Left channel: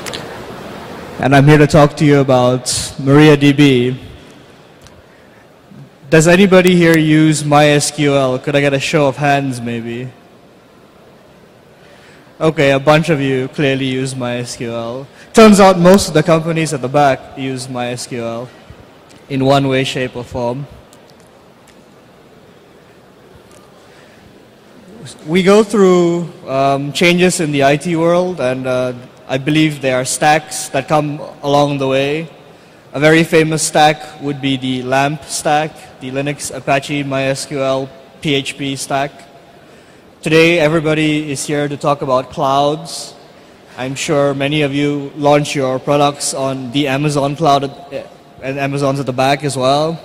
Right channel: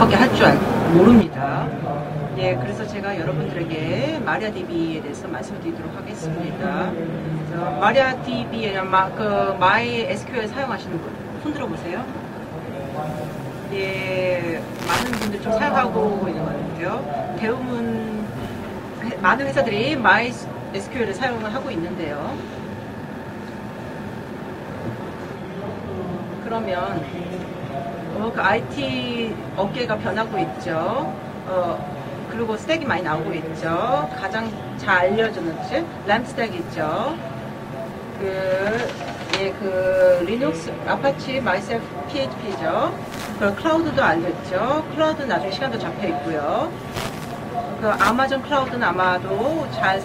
그것밖에 할 줄 모르는. And I'm here to talk to you about MariaDB. 마리아DB에 대해서 말씀드리도록 하겠습니다. Does anybody here use MySQL? Could I get a show of hands, maybe? MySQL 사용하시는 분, 손 들어보세요. Okay, a bunch of you clearly use MySQL. Turns out most of the companies at the back use MySQL in one way, shape, or form. SQL을 사용을 하고 있는데요. We go through changes in the IT world, and I believe there are stacks that come along the way. A very famous stack would be the LAMP stack, the Linux, Apache, MySQL, PHP stack. Today, everybody is here to talk about clouds. I'm sure many of you launch your products on the Amazon cloud, and Amazon's at the back as well.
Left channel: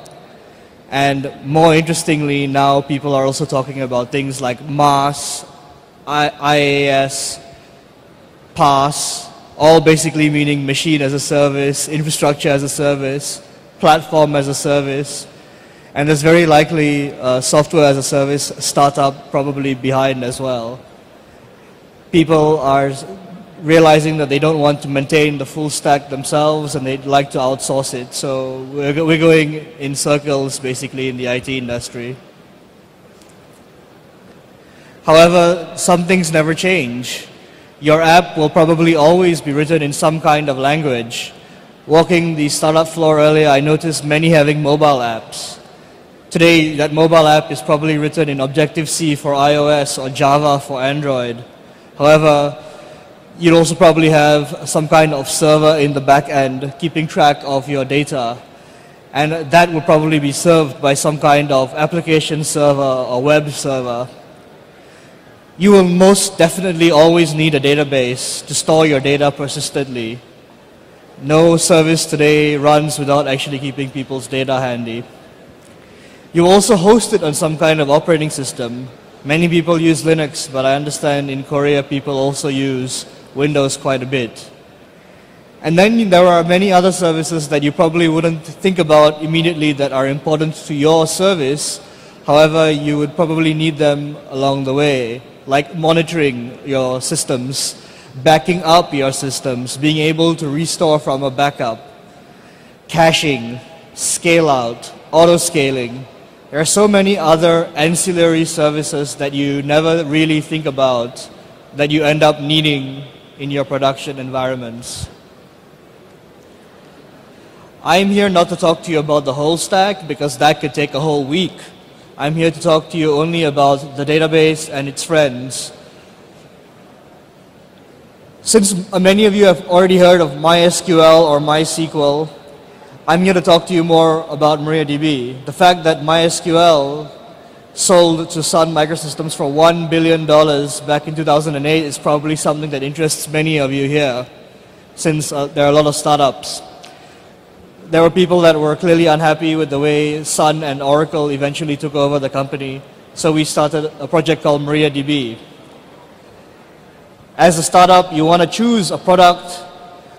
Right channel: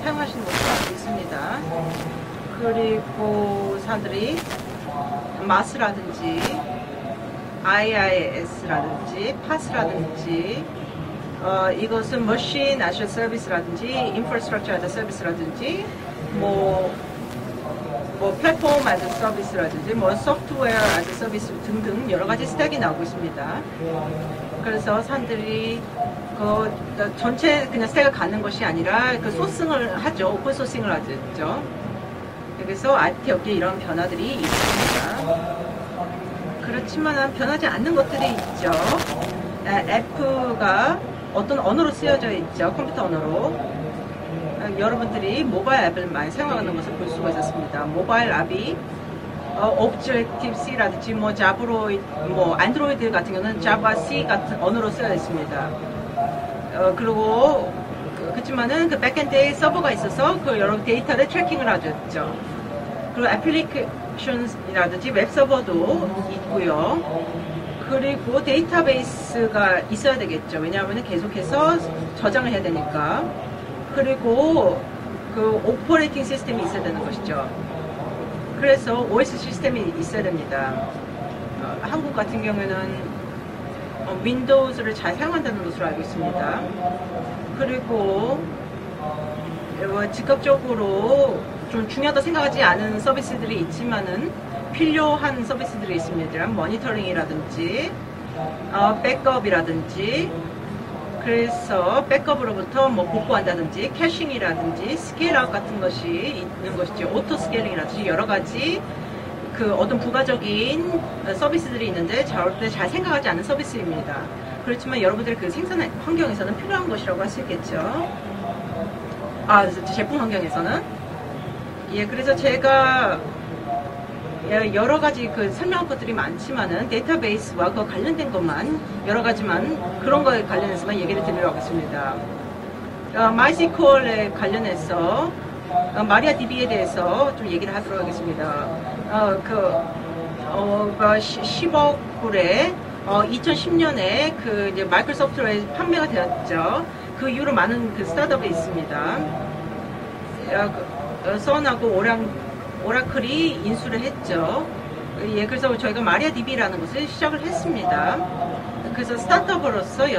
And more interestingly, now people are also talking about things like MAS, IaaS, PaaS, all basically meaning machine as a service, infrastructure as a service, platform as a service. And there's very likely software as a service startup probably behind as well. People are realizing that they don't want to maintain the full stack themselves and they'd like to outsource it. So we're going in circles basically in the IT industry. However, some things never change. Your app will probably always be written in some kind of language. Walking the startup floor earlier, I noticed many having mobile apps. Today, that mobile app is probably written in Objective-C for iOS or Java for Android. However, you'll also probably have some kind of server in the back end keeping track of your data. And that will probably be served by some kind of application server or web server. You will most definitely always need a database to store your data persistently. No service today runs without actually keeping people's data handy. You also host it on some kind of operating system. Many people use Linux, but I understand in Korea people also use Windows quite a bit. And then there are many other services that you probably wouldn't think about immediately that are important to your service. However, you would probably need them along the way, like monitoring your systems, backing up your systems, being able to restore from a backup, caching, scale out, auto-scaling. There are so many other ancillary services that you never really think about that you end up needing in your production environments. I'm here not to talk to you about the whole stack because that could take a whole week. I'm here to talk to you only about the database and its friends. Since many of you have already heard of MySQL or MySQL, I'm here to talk to you more about MariaDB. The fact that MySQL sold to Sun Microsystems for $1 billion back in 2008 is probably something that interests many of you here, since there are a lot of startups. There were people that were clearly unhappy with the way Sun and Oracle eventually took over the company, so we started a project called MariaDB. As a startup, you want to choose a product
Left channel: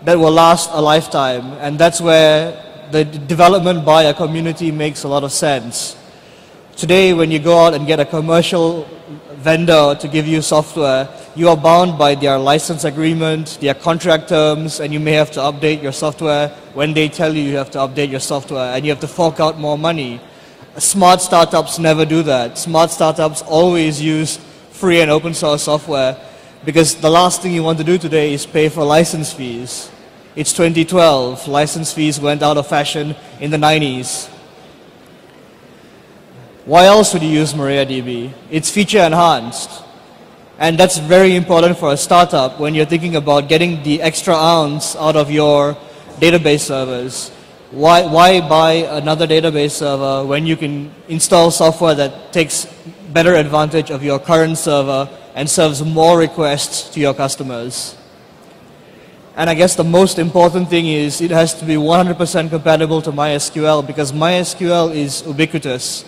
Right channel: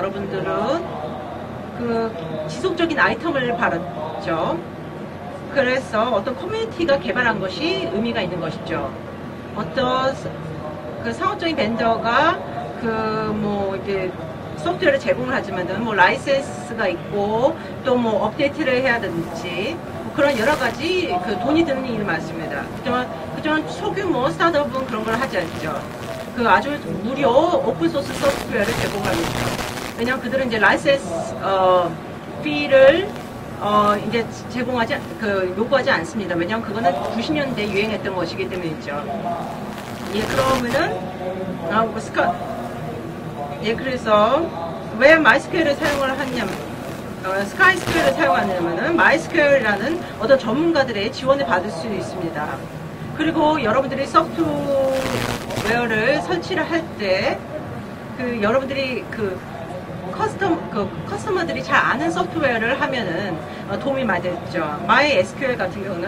that will last a lifetime, and that's where the development by a community makes a lot of sense. Today, when you go out and get a commercial vendor to give you software, you are bound by their license agreement, their contract terms, and you may have to update your software when they tell you you have to update your software, and you have to fork out more money. Smart startups never do that. Smart startups always use free and open source software because the last thing you want to do today is pay for license fees. It's 2012. License fees went out of fashion in the 90s. Why else would you use MariaDB? It's feature enhanced. And that's very important for a startup when you're thinking about getting the extra ounce out of your database servers. Why buy another database server when you can install software that takes better advantage of your current server and serves more requests to your customers? And I guess the most important thing is it has to be 100% compatible to MySQL because MySQL is ubiquitous.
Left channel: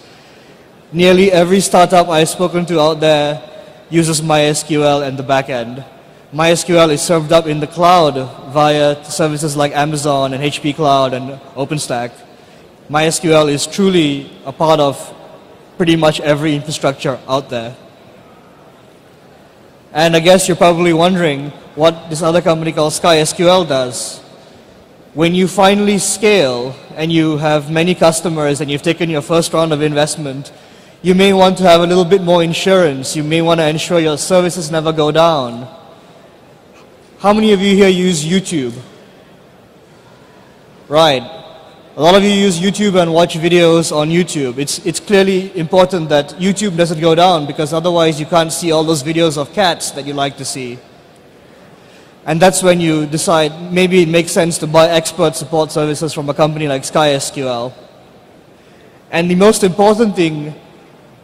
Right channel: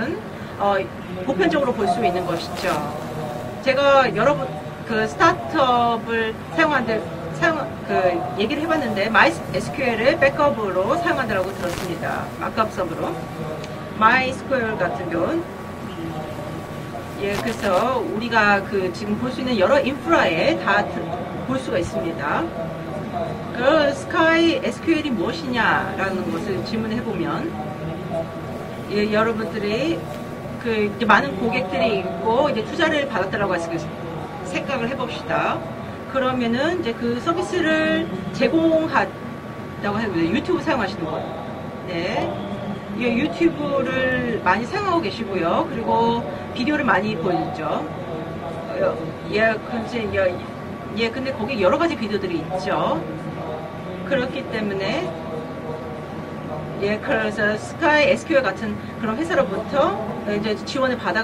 Nearly every startup I've spoken to out there uses MySQL in the backend. MySQL is served up in the cloud via services like Amazon and HP Cloud and OpenStack. MySQL is truly a part of pretty much every infrastructure 예, out there. 그래서 우리가 그 지금 볼 수 있는 여러 And I guess you're probably 볼 wondering 수가 what 있습니다. this other company called SkySQL does. SkySQL이 When you finally 무엇이냐라는 scale 질문을 and you 해보면 have many customers and you've taken your first round of investment, 그 you may want to have a little bit more 많은 insurance. You may want to ensure your services never go down. 그러면은 이제 그 How many of you here use YouTube? 제공한다고 해보세요. 유튜브 사용하시는 Right. A lot of you use YouTube and watch videos on YouTube. It's clearly important that YouTube doesn't go down because otherwise you can't see all those videos of cats that you like to see. 예, 근데 거기 여러 가지 비디오들이 And that's when you 있어요. decide maybe it makes sense to buy expert support services from a company like SkySQL. SkySQL 같은 그런 And the most important thing,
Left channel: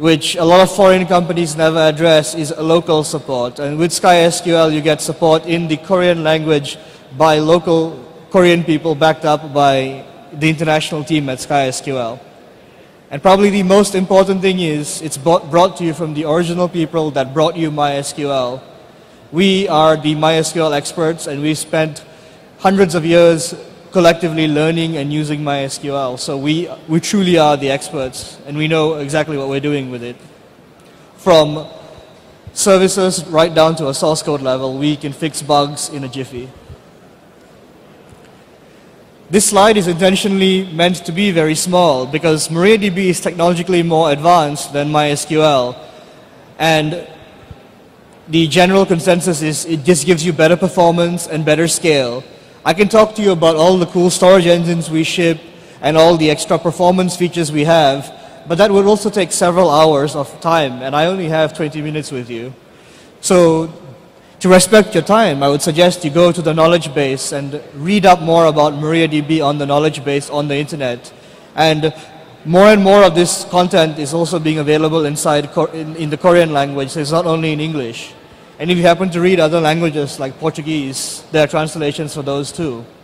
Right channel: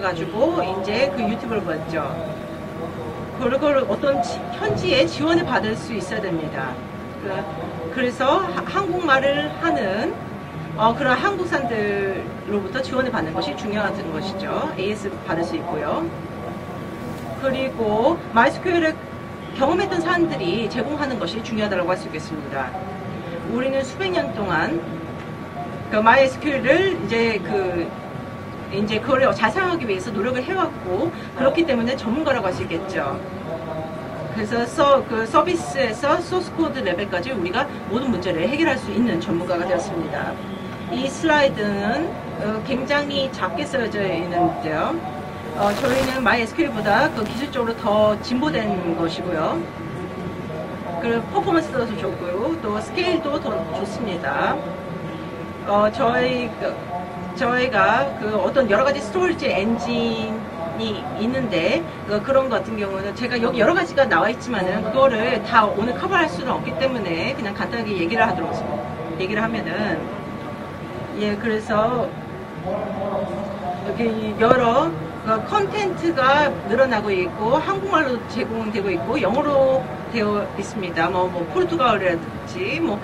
which a lot of foreign companies never address, is local support. And with SkySQL you get support in the Korean language by local Korean people backed up by the international team at SkySQL. And probably the most important thing is it's brought to you from the original people that brought you MySQL. We are the MySQL experts and we spent hundreds of years collectively learning and using MySQL. So we truly are the experts and we know exactly what we're doing with it. From services right down to a source code level, we can fix bugs in a jiffy. This slide is intentionally meant to be very small because MariaDB is technologically more advanced than MySQL. And the general consensus is it just gives you better performance and better scale. I can talk to you about all the cool storage engines we ship and all the extra performance features we have, but that will also take several hours of time, and I only have 20 minutes with you. So, to respect your time, I would suggest you go to the knowledge base and read up more about MariaDB on the knowledge base on the internet. And more and more of this content is also being available inside in the Korean language. It's not only in English. And if you happen to read other languages like Portuguese, there are translations for those too.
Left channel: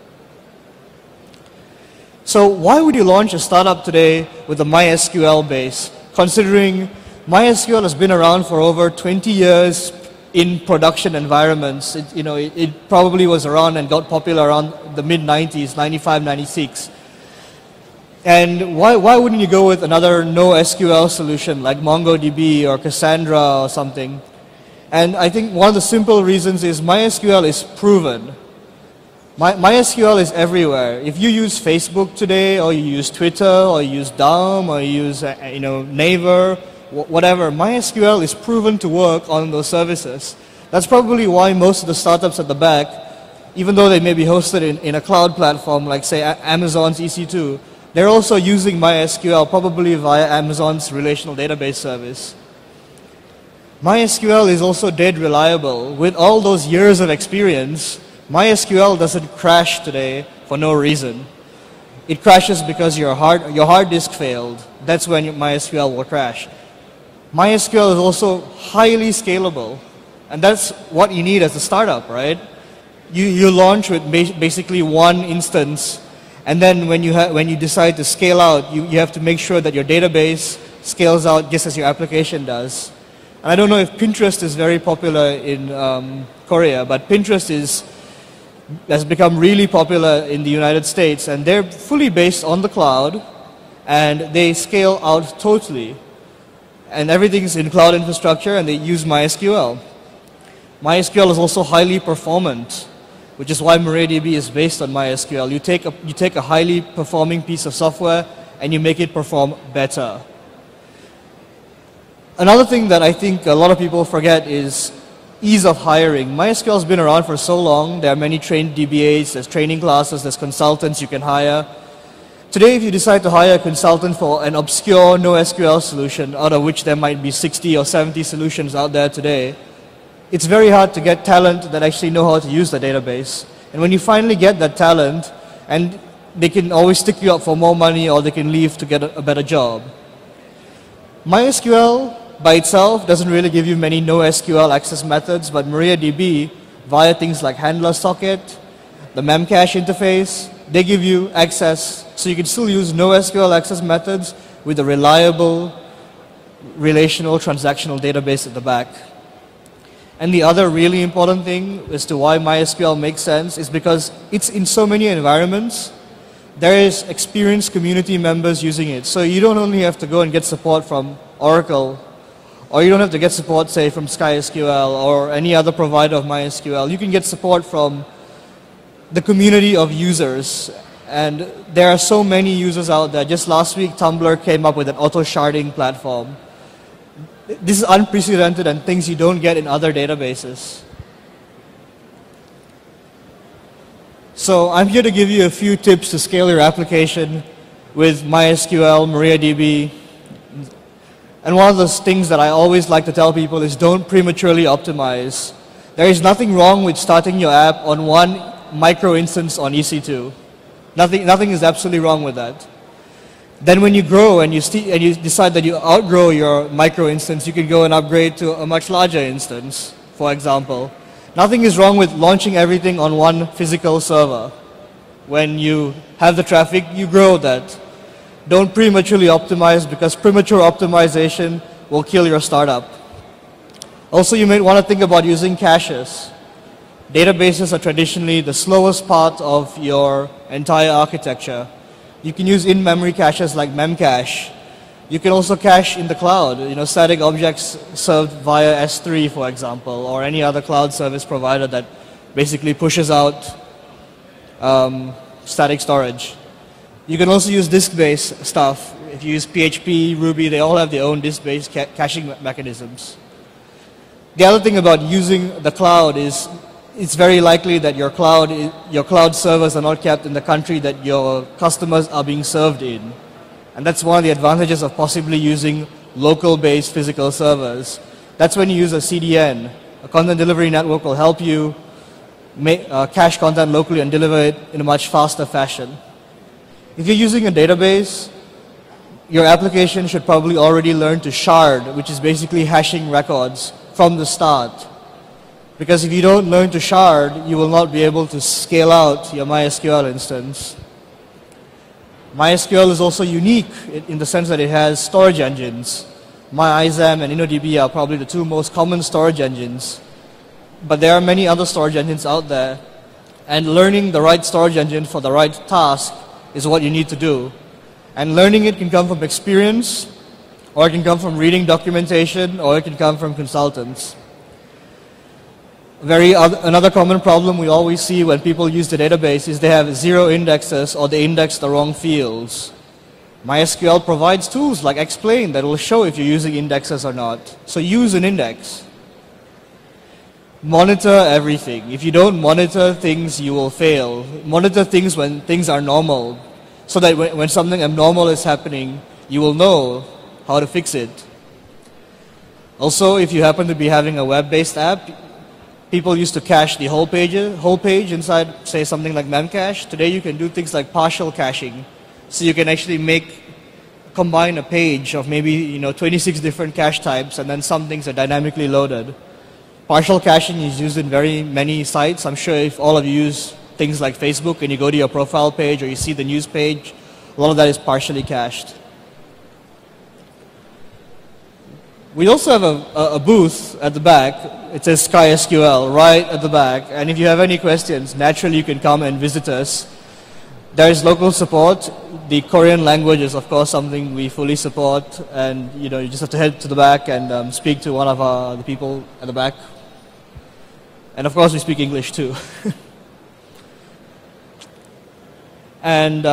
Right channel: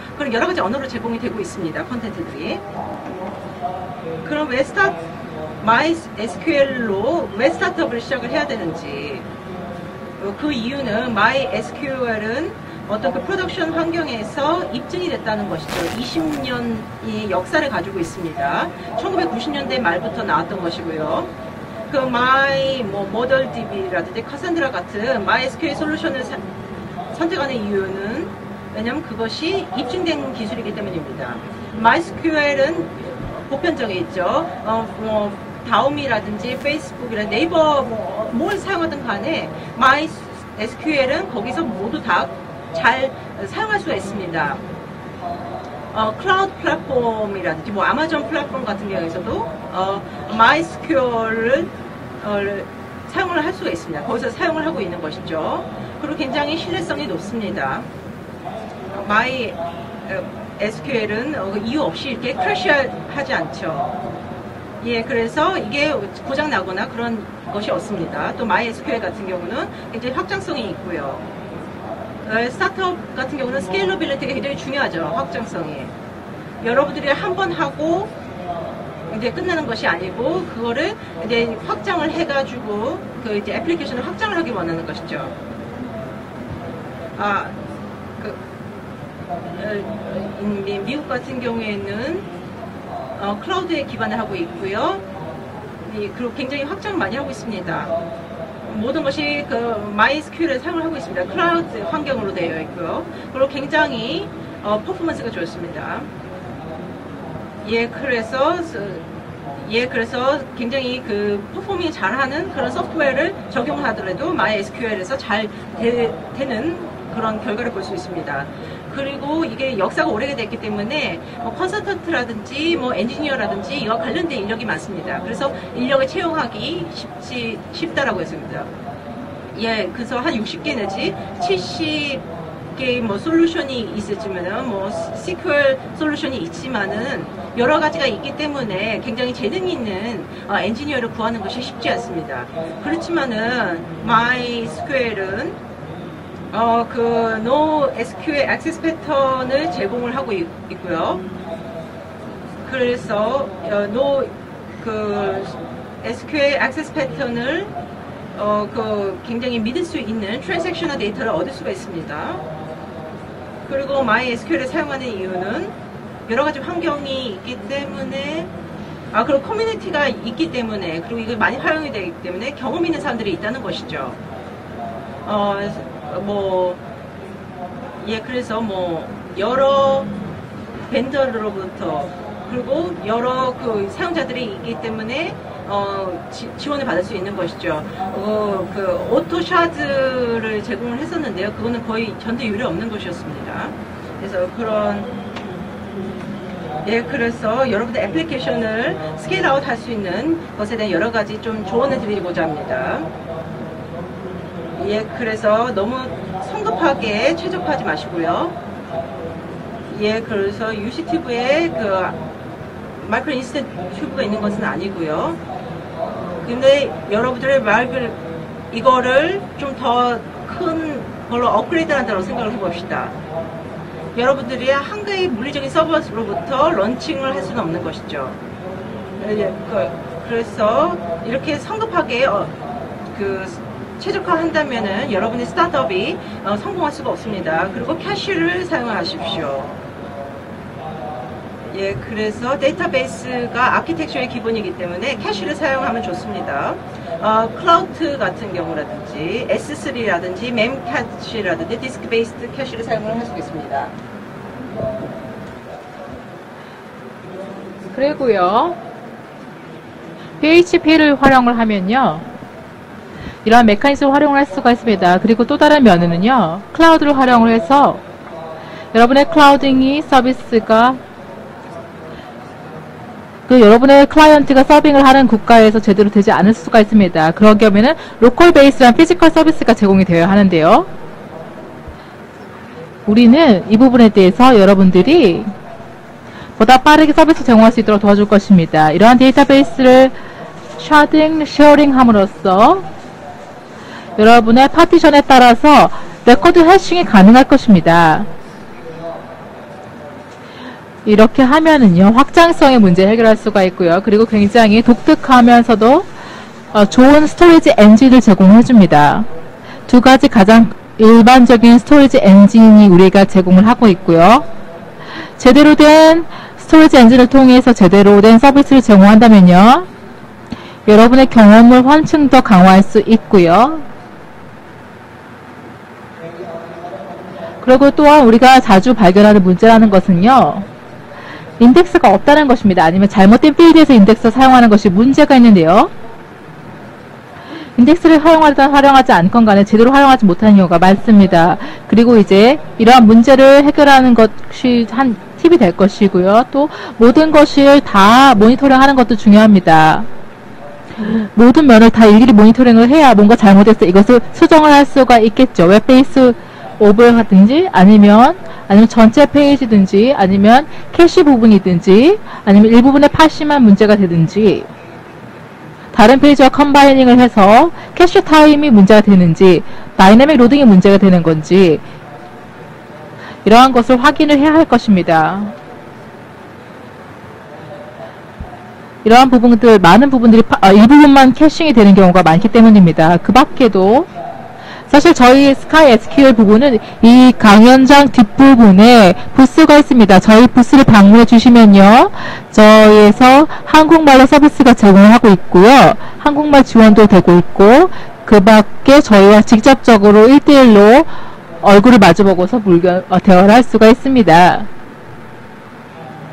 So why would you launch a startup today with a MySQL base, considering MySQL has been around for over 20 years in production environments? It probably was around and got popular around the mid-90s, 95, 96. And why wouldn't you go with another NoSQL solution like MongoDB or Cassandra or something? And I think one of the simple reasons is MySQL is proven. MySQL is everywhere. If you use Facebook today, or you use Twitter, or you use Daum, or you use Naver, whatever, MySQL is proven to work on those services. That's probably why most of the startups at the back, even though they may be hosted in a cloud platform like say Amazon's EC2, they're also using MySQL probably via Amazon's relational database service. MySQL is also dead reliable. With all those years of experience, MySQL doesn't crash today for no reason. It crashes because your hard disk failed. That's when MySQL will crash. MySQL is also highly scalable. And that's what you need as a startup, right? You launch with basically one instance, and then when you decide to scale out, you have to make sure that your database scales out just as your application does. I don't know if Pinterest is very popular in Korea, but Pinterest has become really popular in the United States, and they're fully based on the cloud, and they scale out totally. And everything's in cloud infrastructure, and they use MySQL. MySQL is also highly performant, which is why MariaDB is based on MySQL. You take a highly performing piece of software and you make it perform better. Another thing that I think a lot of people forget is ease of hiring. MySQL has been around for so long. There are many trained DBAs, there's training classes, there's consultants you can hire. Today, if you decide to hire a consultant for an obscure NoSQL solution, out of which there might be 60 or 70 solutions out there today, it's very hard to get talent that actually know how to use the database. And when you finally get that talent, and they can always stick you up for more money or they can leave to get a better job. MySQL by itself doesn't really give you many NoSQL access methods, but MariaDB, via things like handler socket, the memcache interface, they give you access, so you can still use NoSQL access methods with a reliable relational transactional database at the back. And the other really important thing as to why MySQL makes sense is because it's in so many environments. 여러 가지 there is 환경이 experienced community 있기 때문에 members using it. So 그 you don't only have to 커뮤니티가 go and get 있기 support 때문에, from 그리고 이걸 많이 Oracle, 활용이 되기 때문에 or you don't have to 경험이 get 있다는 support, say, from 것이죠. SkySQL or any other provider of MySQL. You can get support from 예, 그래서 뭐 the community 여러 of users. And 벤더로부터 there are so many users out there. 여러 Just last week, Tumblr 사용자들이 came up with 있기 an auto 때문에, sharding platform. 지원을 받을 수 있는 것이죠. This is unprecedented and things you don't get in other 를 databases. 제공을 했었는데요. 그거는 거의 전대 유례 없는 것이었습니다. So I'm here to give you a few tips to scale your application with MySQL, MariaDB. And one of those things that I always like to tell people is don't prematurely optimize. There is nothing wrong with starting your app on one micro instance on EC2. Nothing is absolutely wrong with that. Then when you grow and you decide that you outgrow your micro instance, you can go and upgrade to a much larger instance, for example. Nothing is wrong with launching everything on one physical server. When you have the traffic, you grow that. Don't prematurely optimize because premature optimization will kill your startup. Also, you may want to think about using caches. Databases are traditionally the slowest part of your entire architecture. You can use in-memory caches like Memcache. You can also cache in the cloud, static objects served via S3, for example, or any other cloud service provider that basically pushes out static storage. You can also use disk-based stuff. If you use PHP, Ruby, they all have their own disk-based caching mechanisms. 이러한 메커니즘을 활용할 수가 있습니다. 그리고 또 다른 면은요, 클라우드를 it's very likely 활용해서 that your cloud 여러분의 servers are not 클라우딩이 kept in the country 서비스가 that your customers are being served in. 그 여러분의 That's one of the 클라이언트가 advantages of 서빙을 하는 possibly 국가에서 using 제대로 되지 않을 수가 local-based 있습니다. physical 그런 경우에는 servers. 로컬 That's when you 베이스한 use a 피지컬 CDN. 서비스가 제공이 되어야 Content Delivery 하는데요. Network will help you cache 우리는 content 이 locally 부분에 and deliver 대해서 it in a much 여러분들이 faster fashion. 보다 빠르게 If you're 서비스 using a 제공할 수 있도록 database, 도와줄 것입니다. 이러한 Your application 데이터베이스를 should probably already learn to 샤딩, shard, 쉐어링 which is basically 함으로써 hashing records from the 여러분의 start. 파티션에 따라서 Because if you don't 레코드 learn to 해싱이 shard, 가능할 you will not be 것입니다. able to scale out your MySQL instance. 이렇게 하면은요, 확장성의 MySQL is 문제를 also 해결할 수가 unique 있고요. in 그리고 the sense that it 굉장히 has storage 독특하면서도 engines. MyISAM 좋은 and 스토리지 InnoDB are 엔진을 probably the two most common 제공해줍니다. storage engines. 두 가지 가장 But there are many other 일반적인 storage 스토리지 engines out there. 엔진이 우리가 제공을 And 하고 learning the 있고요. right storage engine for the right 제대로 된 task is what you 스토리지 need to 엔진을 do. 통해서 제대로 된 And learning it 서비스를 can come from 제공한다면요, experience, or it can 여러분의 come from reading 경험을 한층 더 documentation, 강화할 or it 수 can come from 있고요. consultants. Another common problem we 그리고 always see 또한 when 우리가 people use 자주 the 발견하는 database is they 문제라는 have zero 것은요, indexes or they index the wrong 인덱스가 없다는 fields. 것입니다. 아니면 잘못된 필드에서 MySQL 인덱스를 provides 사용하는 tools 것이 like 문제가 explain that 있는데요. will show if you're using indexes or not. So use 인덱스를 an 사용하든 index. 활용하지 않건 간에 제대로 활용하지 못하는 경우가 Monitor 많습니다. everything. If 그리고 you don't 이제 monitor 이러한 things, 문제를 you will 해결하는 fail. 것이 Monitor 한 things when 팁이 things 될 are normal. 것이고요. 또 So that 모든 when 것을 something 다 abnormal is 모니터링하는 happening, 것도 you will 중요합니다. know how to fix it. 모든 면을 다 일일이 모니터링을 해야 Also, if 뭔가 you happen to 잘못됐을 때 be having a 이것을 web-based 수정을 할 app, 수가 있겠죠. People used to 웹베이스 cache the whole page 오버든지 아니면 inside, say 전체 something like Memcache. Today 페이지든지 you can do 아니면 things like 캐시 partial caching. 부분이든지 So you 아니면 can 일부분의 actually 파시만 문제가 combine 되든지 a page of maybe, 다른 36 페이지와 different cache 컴바이닝을 types and 해서 then something 캐시 that 타임이 dynamically 문제가 loaded. 되는지 Partial 다이내믹 caching 로딩이 is used 문제가 in 되는 many 건지 sites. I'm sure if all of you use 이러한 things 것을 like 확인을 Facebook, 해야 할 when you go to your 것입니다. profile page or you see the news page, a lot of that is partially cached. 이러한 부분들 많은 부분들이 일부분만 캐싱이 되는 경우가 We 많기 also have 때문입니다. a 그 booth at the 밖에도 back. It says 사실 저희 SkySQL 스카이 right SQL at the 부분은 back. And if you 이 have any 강연장 questions, naturally you can come 뒷부분에 and visit 부스가 us. 있습니다. 저희 부스를 There is 방문해 local 주시면요, support. The Korean language is, 저희에서 of course, 한국말로 something we fully 서비스가 support. 제공을 하고 And, 있고요. you just have to 한국말 head to the 지원도 back 되고 and 있고, speak to one of 그 our 밖에 people 저희와 back. 직접적으로 1대1로 And of course we speak 얼굴을 English too. 마주보고서 대화를 할 수가 있습니다. And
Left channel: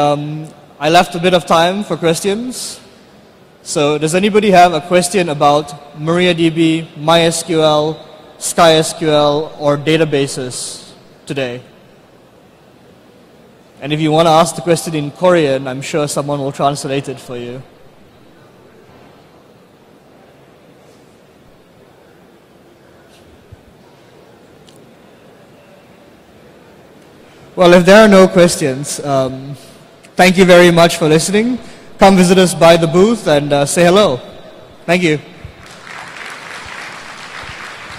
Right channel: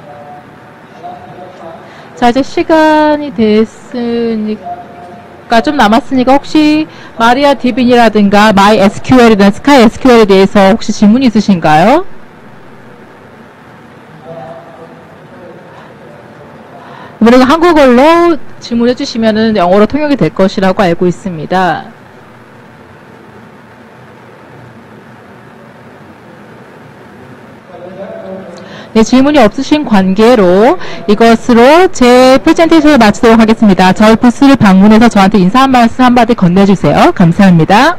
I left a bit of time for 자, 이제 questions. 시간이 So does anybody 됐으니까 have a question about 좀 남았으니까 혹시 MariaDB, 마리아DB라든가 SkySQL, MySQL이나 or SkySQL에 대해서 databases 혹시 질문이 today? 있으신가요? And if you want to ask the question in Korean, I'm sure someone will translate it. 그리고 한국어로 질문해 주시면은 영어로 통역이 될 것이라고 알고 있습니다. Well, if there are no questions, 네, 질문이 없으신 thank you very 관계로 much for listening. 이것으로 제 Come visit us by the 프레젠테이션을 booth 마치도록 and, say 하겠습니다. hello. 저희 부스를 방문해서 Thank you. 저한테 인사 한 말씀 한마디 건네주세요. 감사합니다.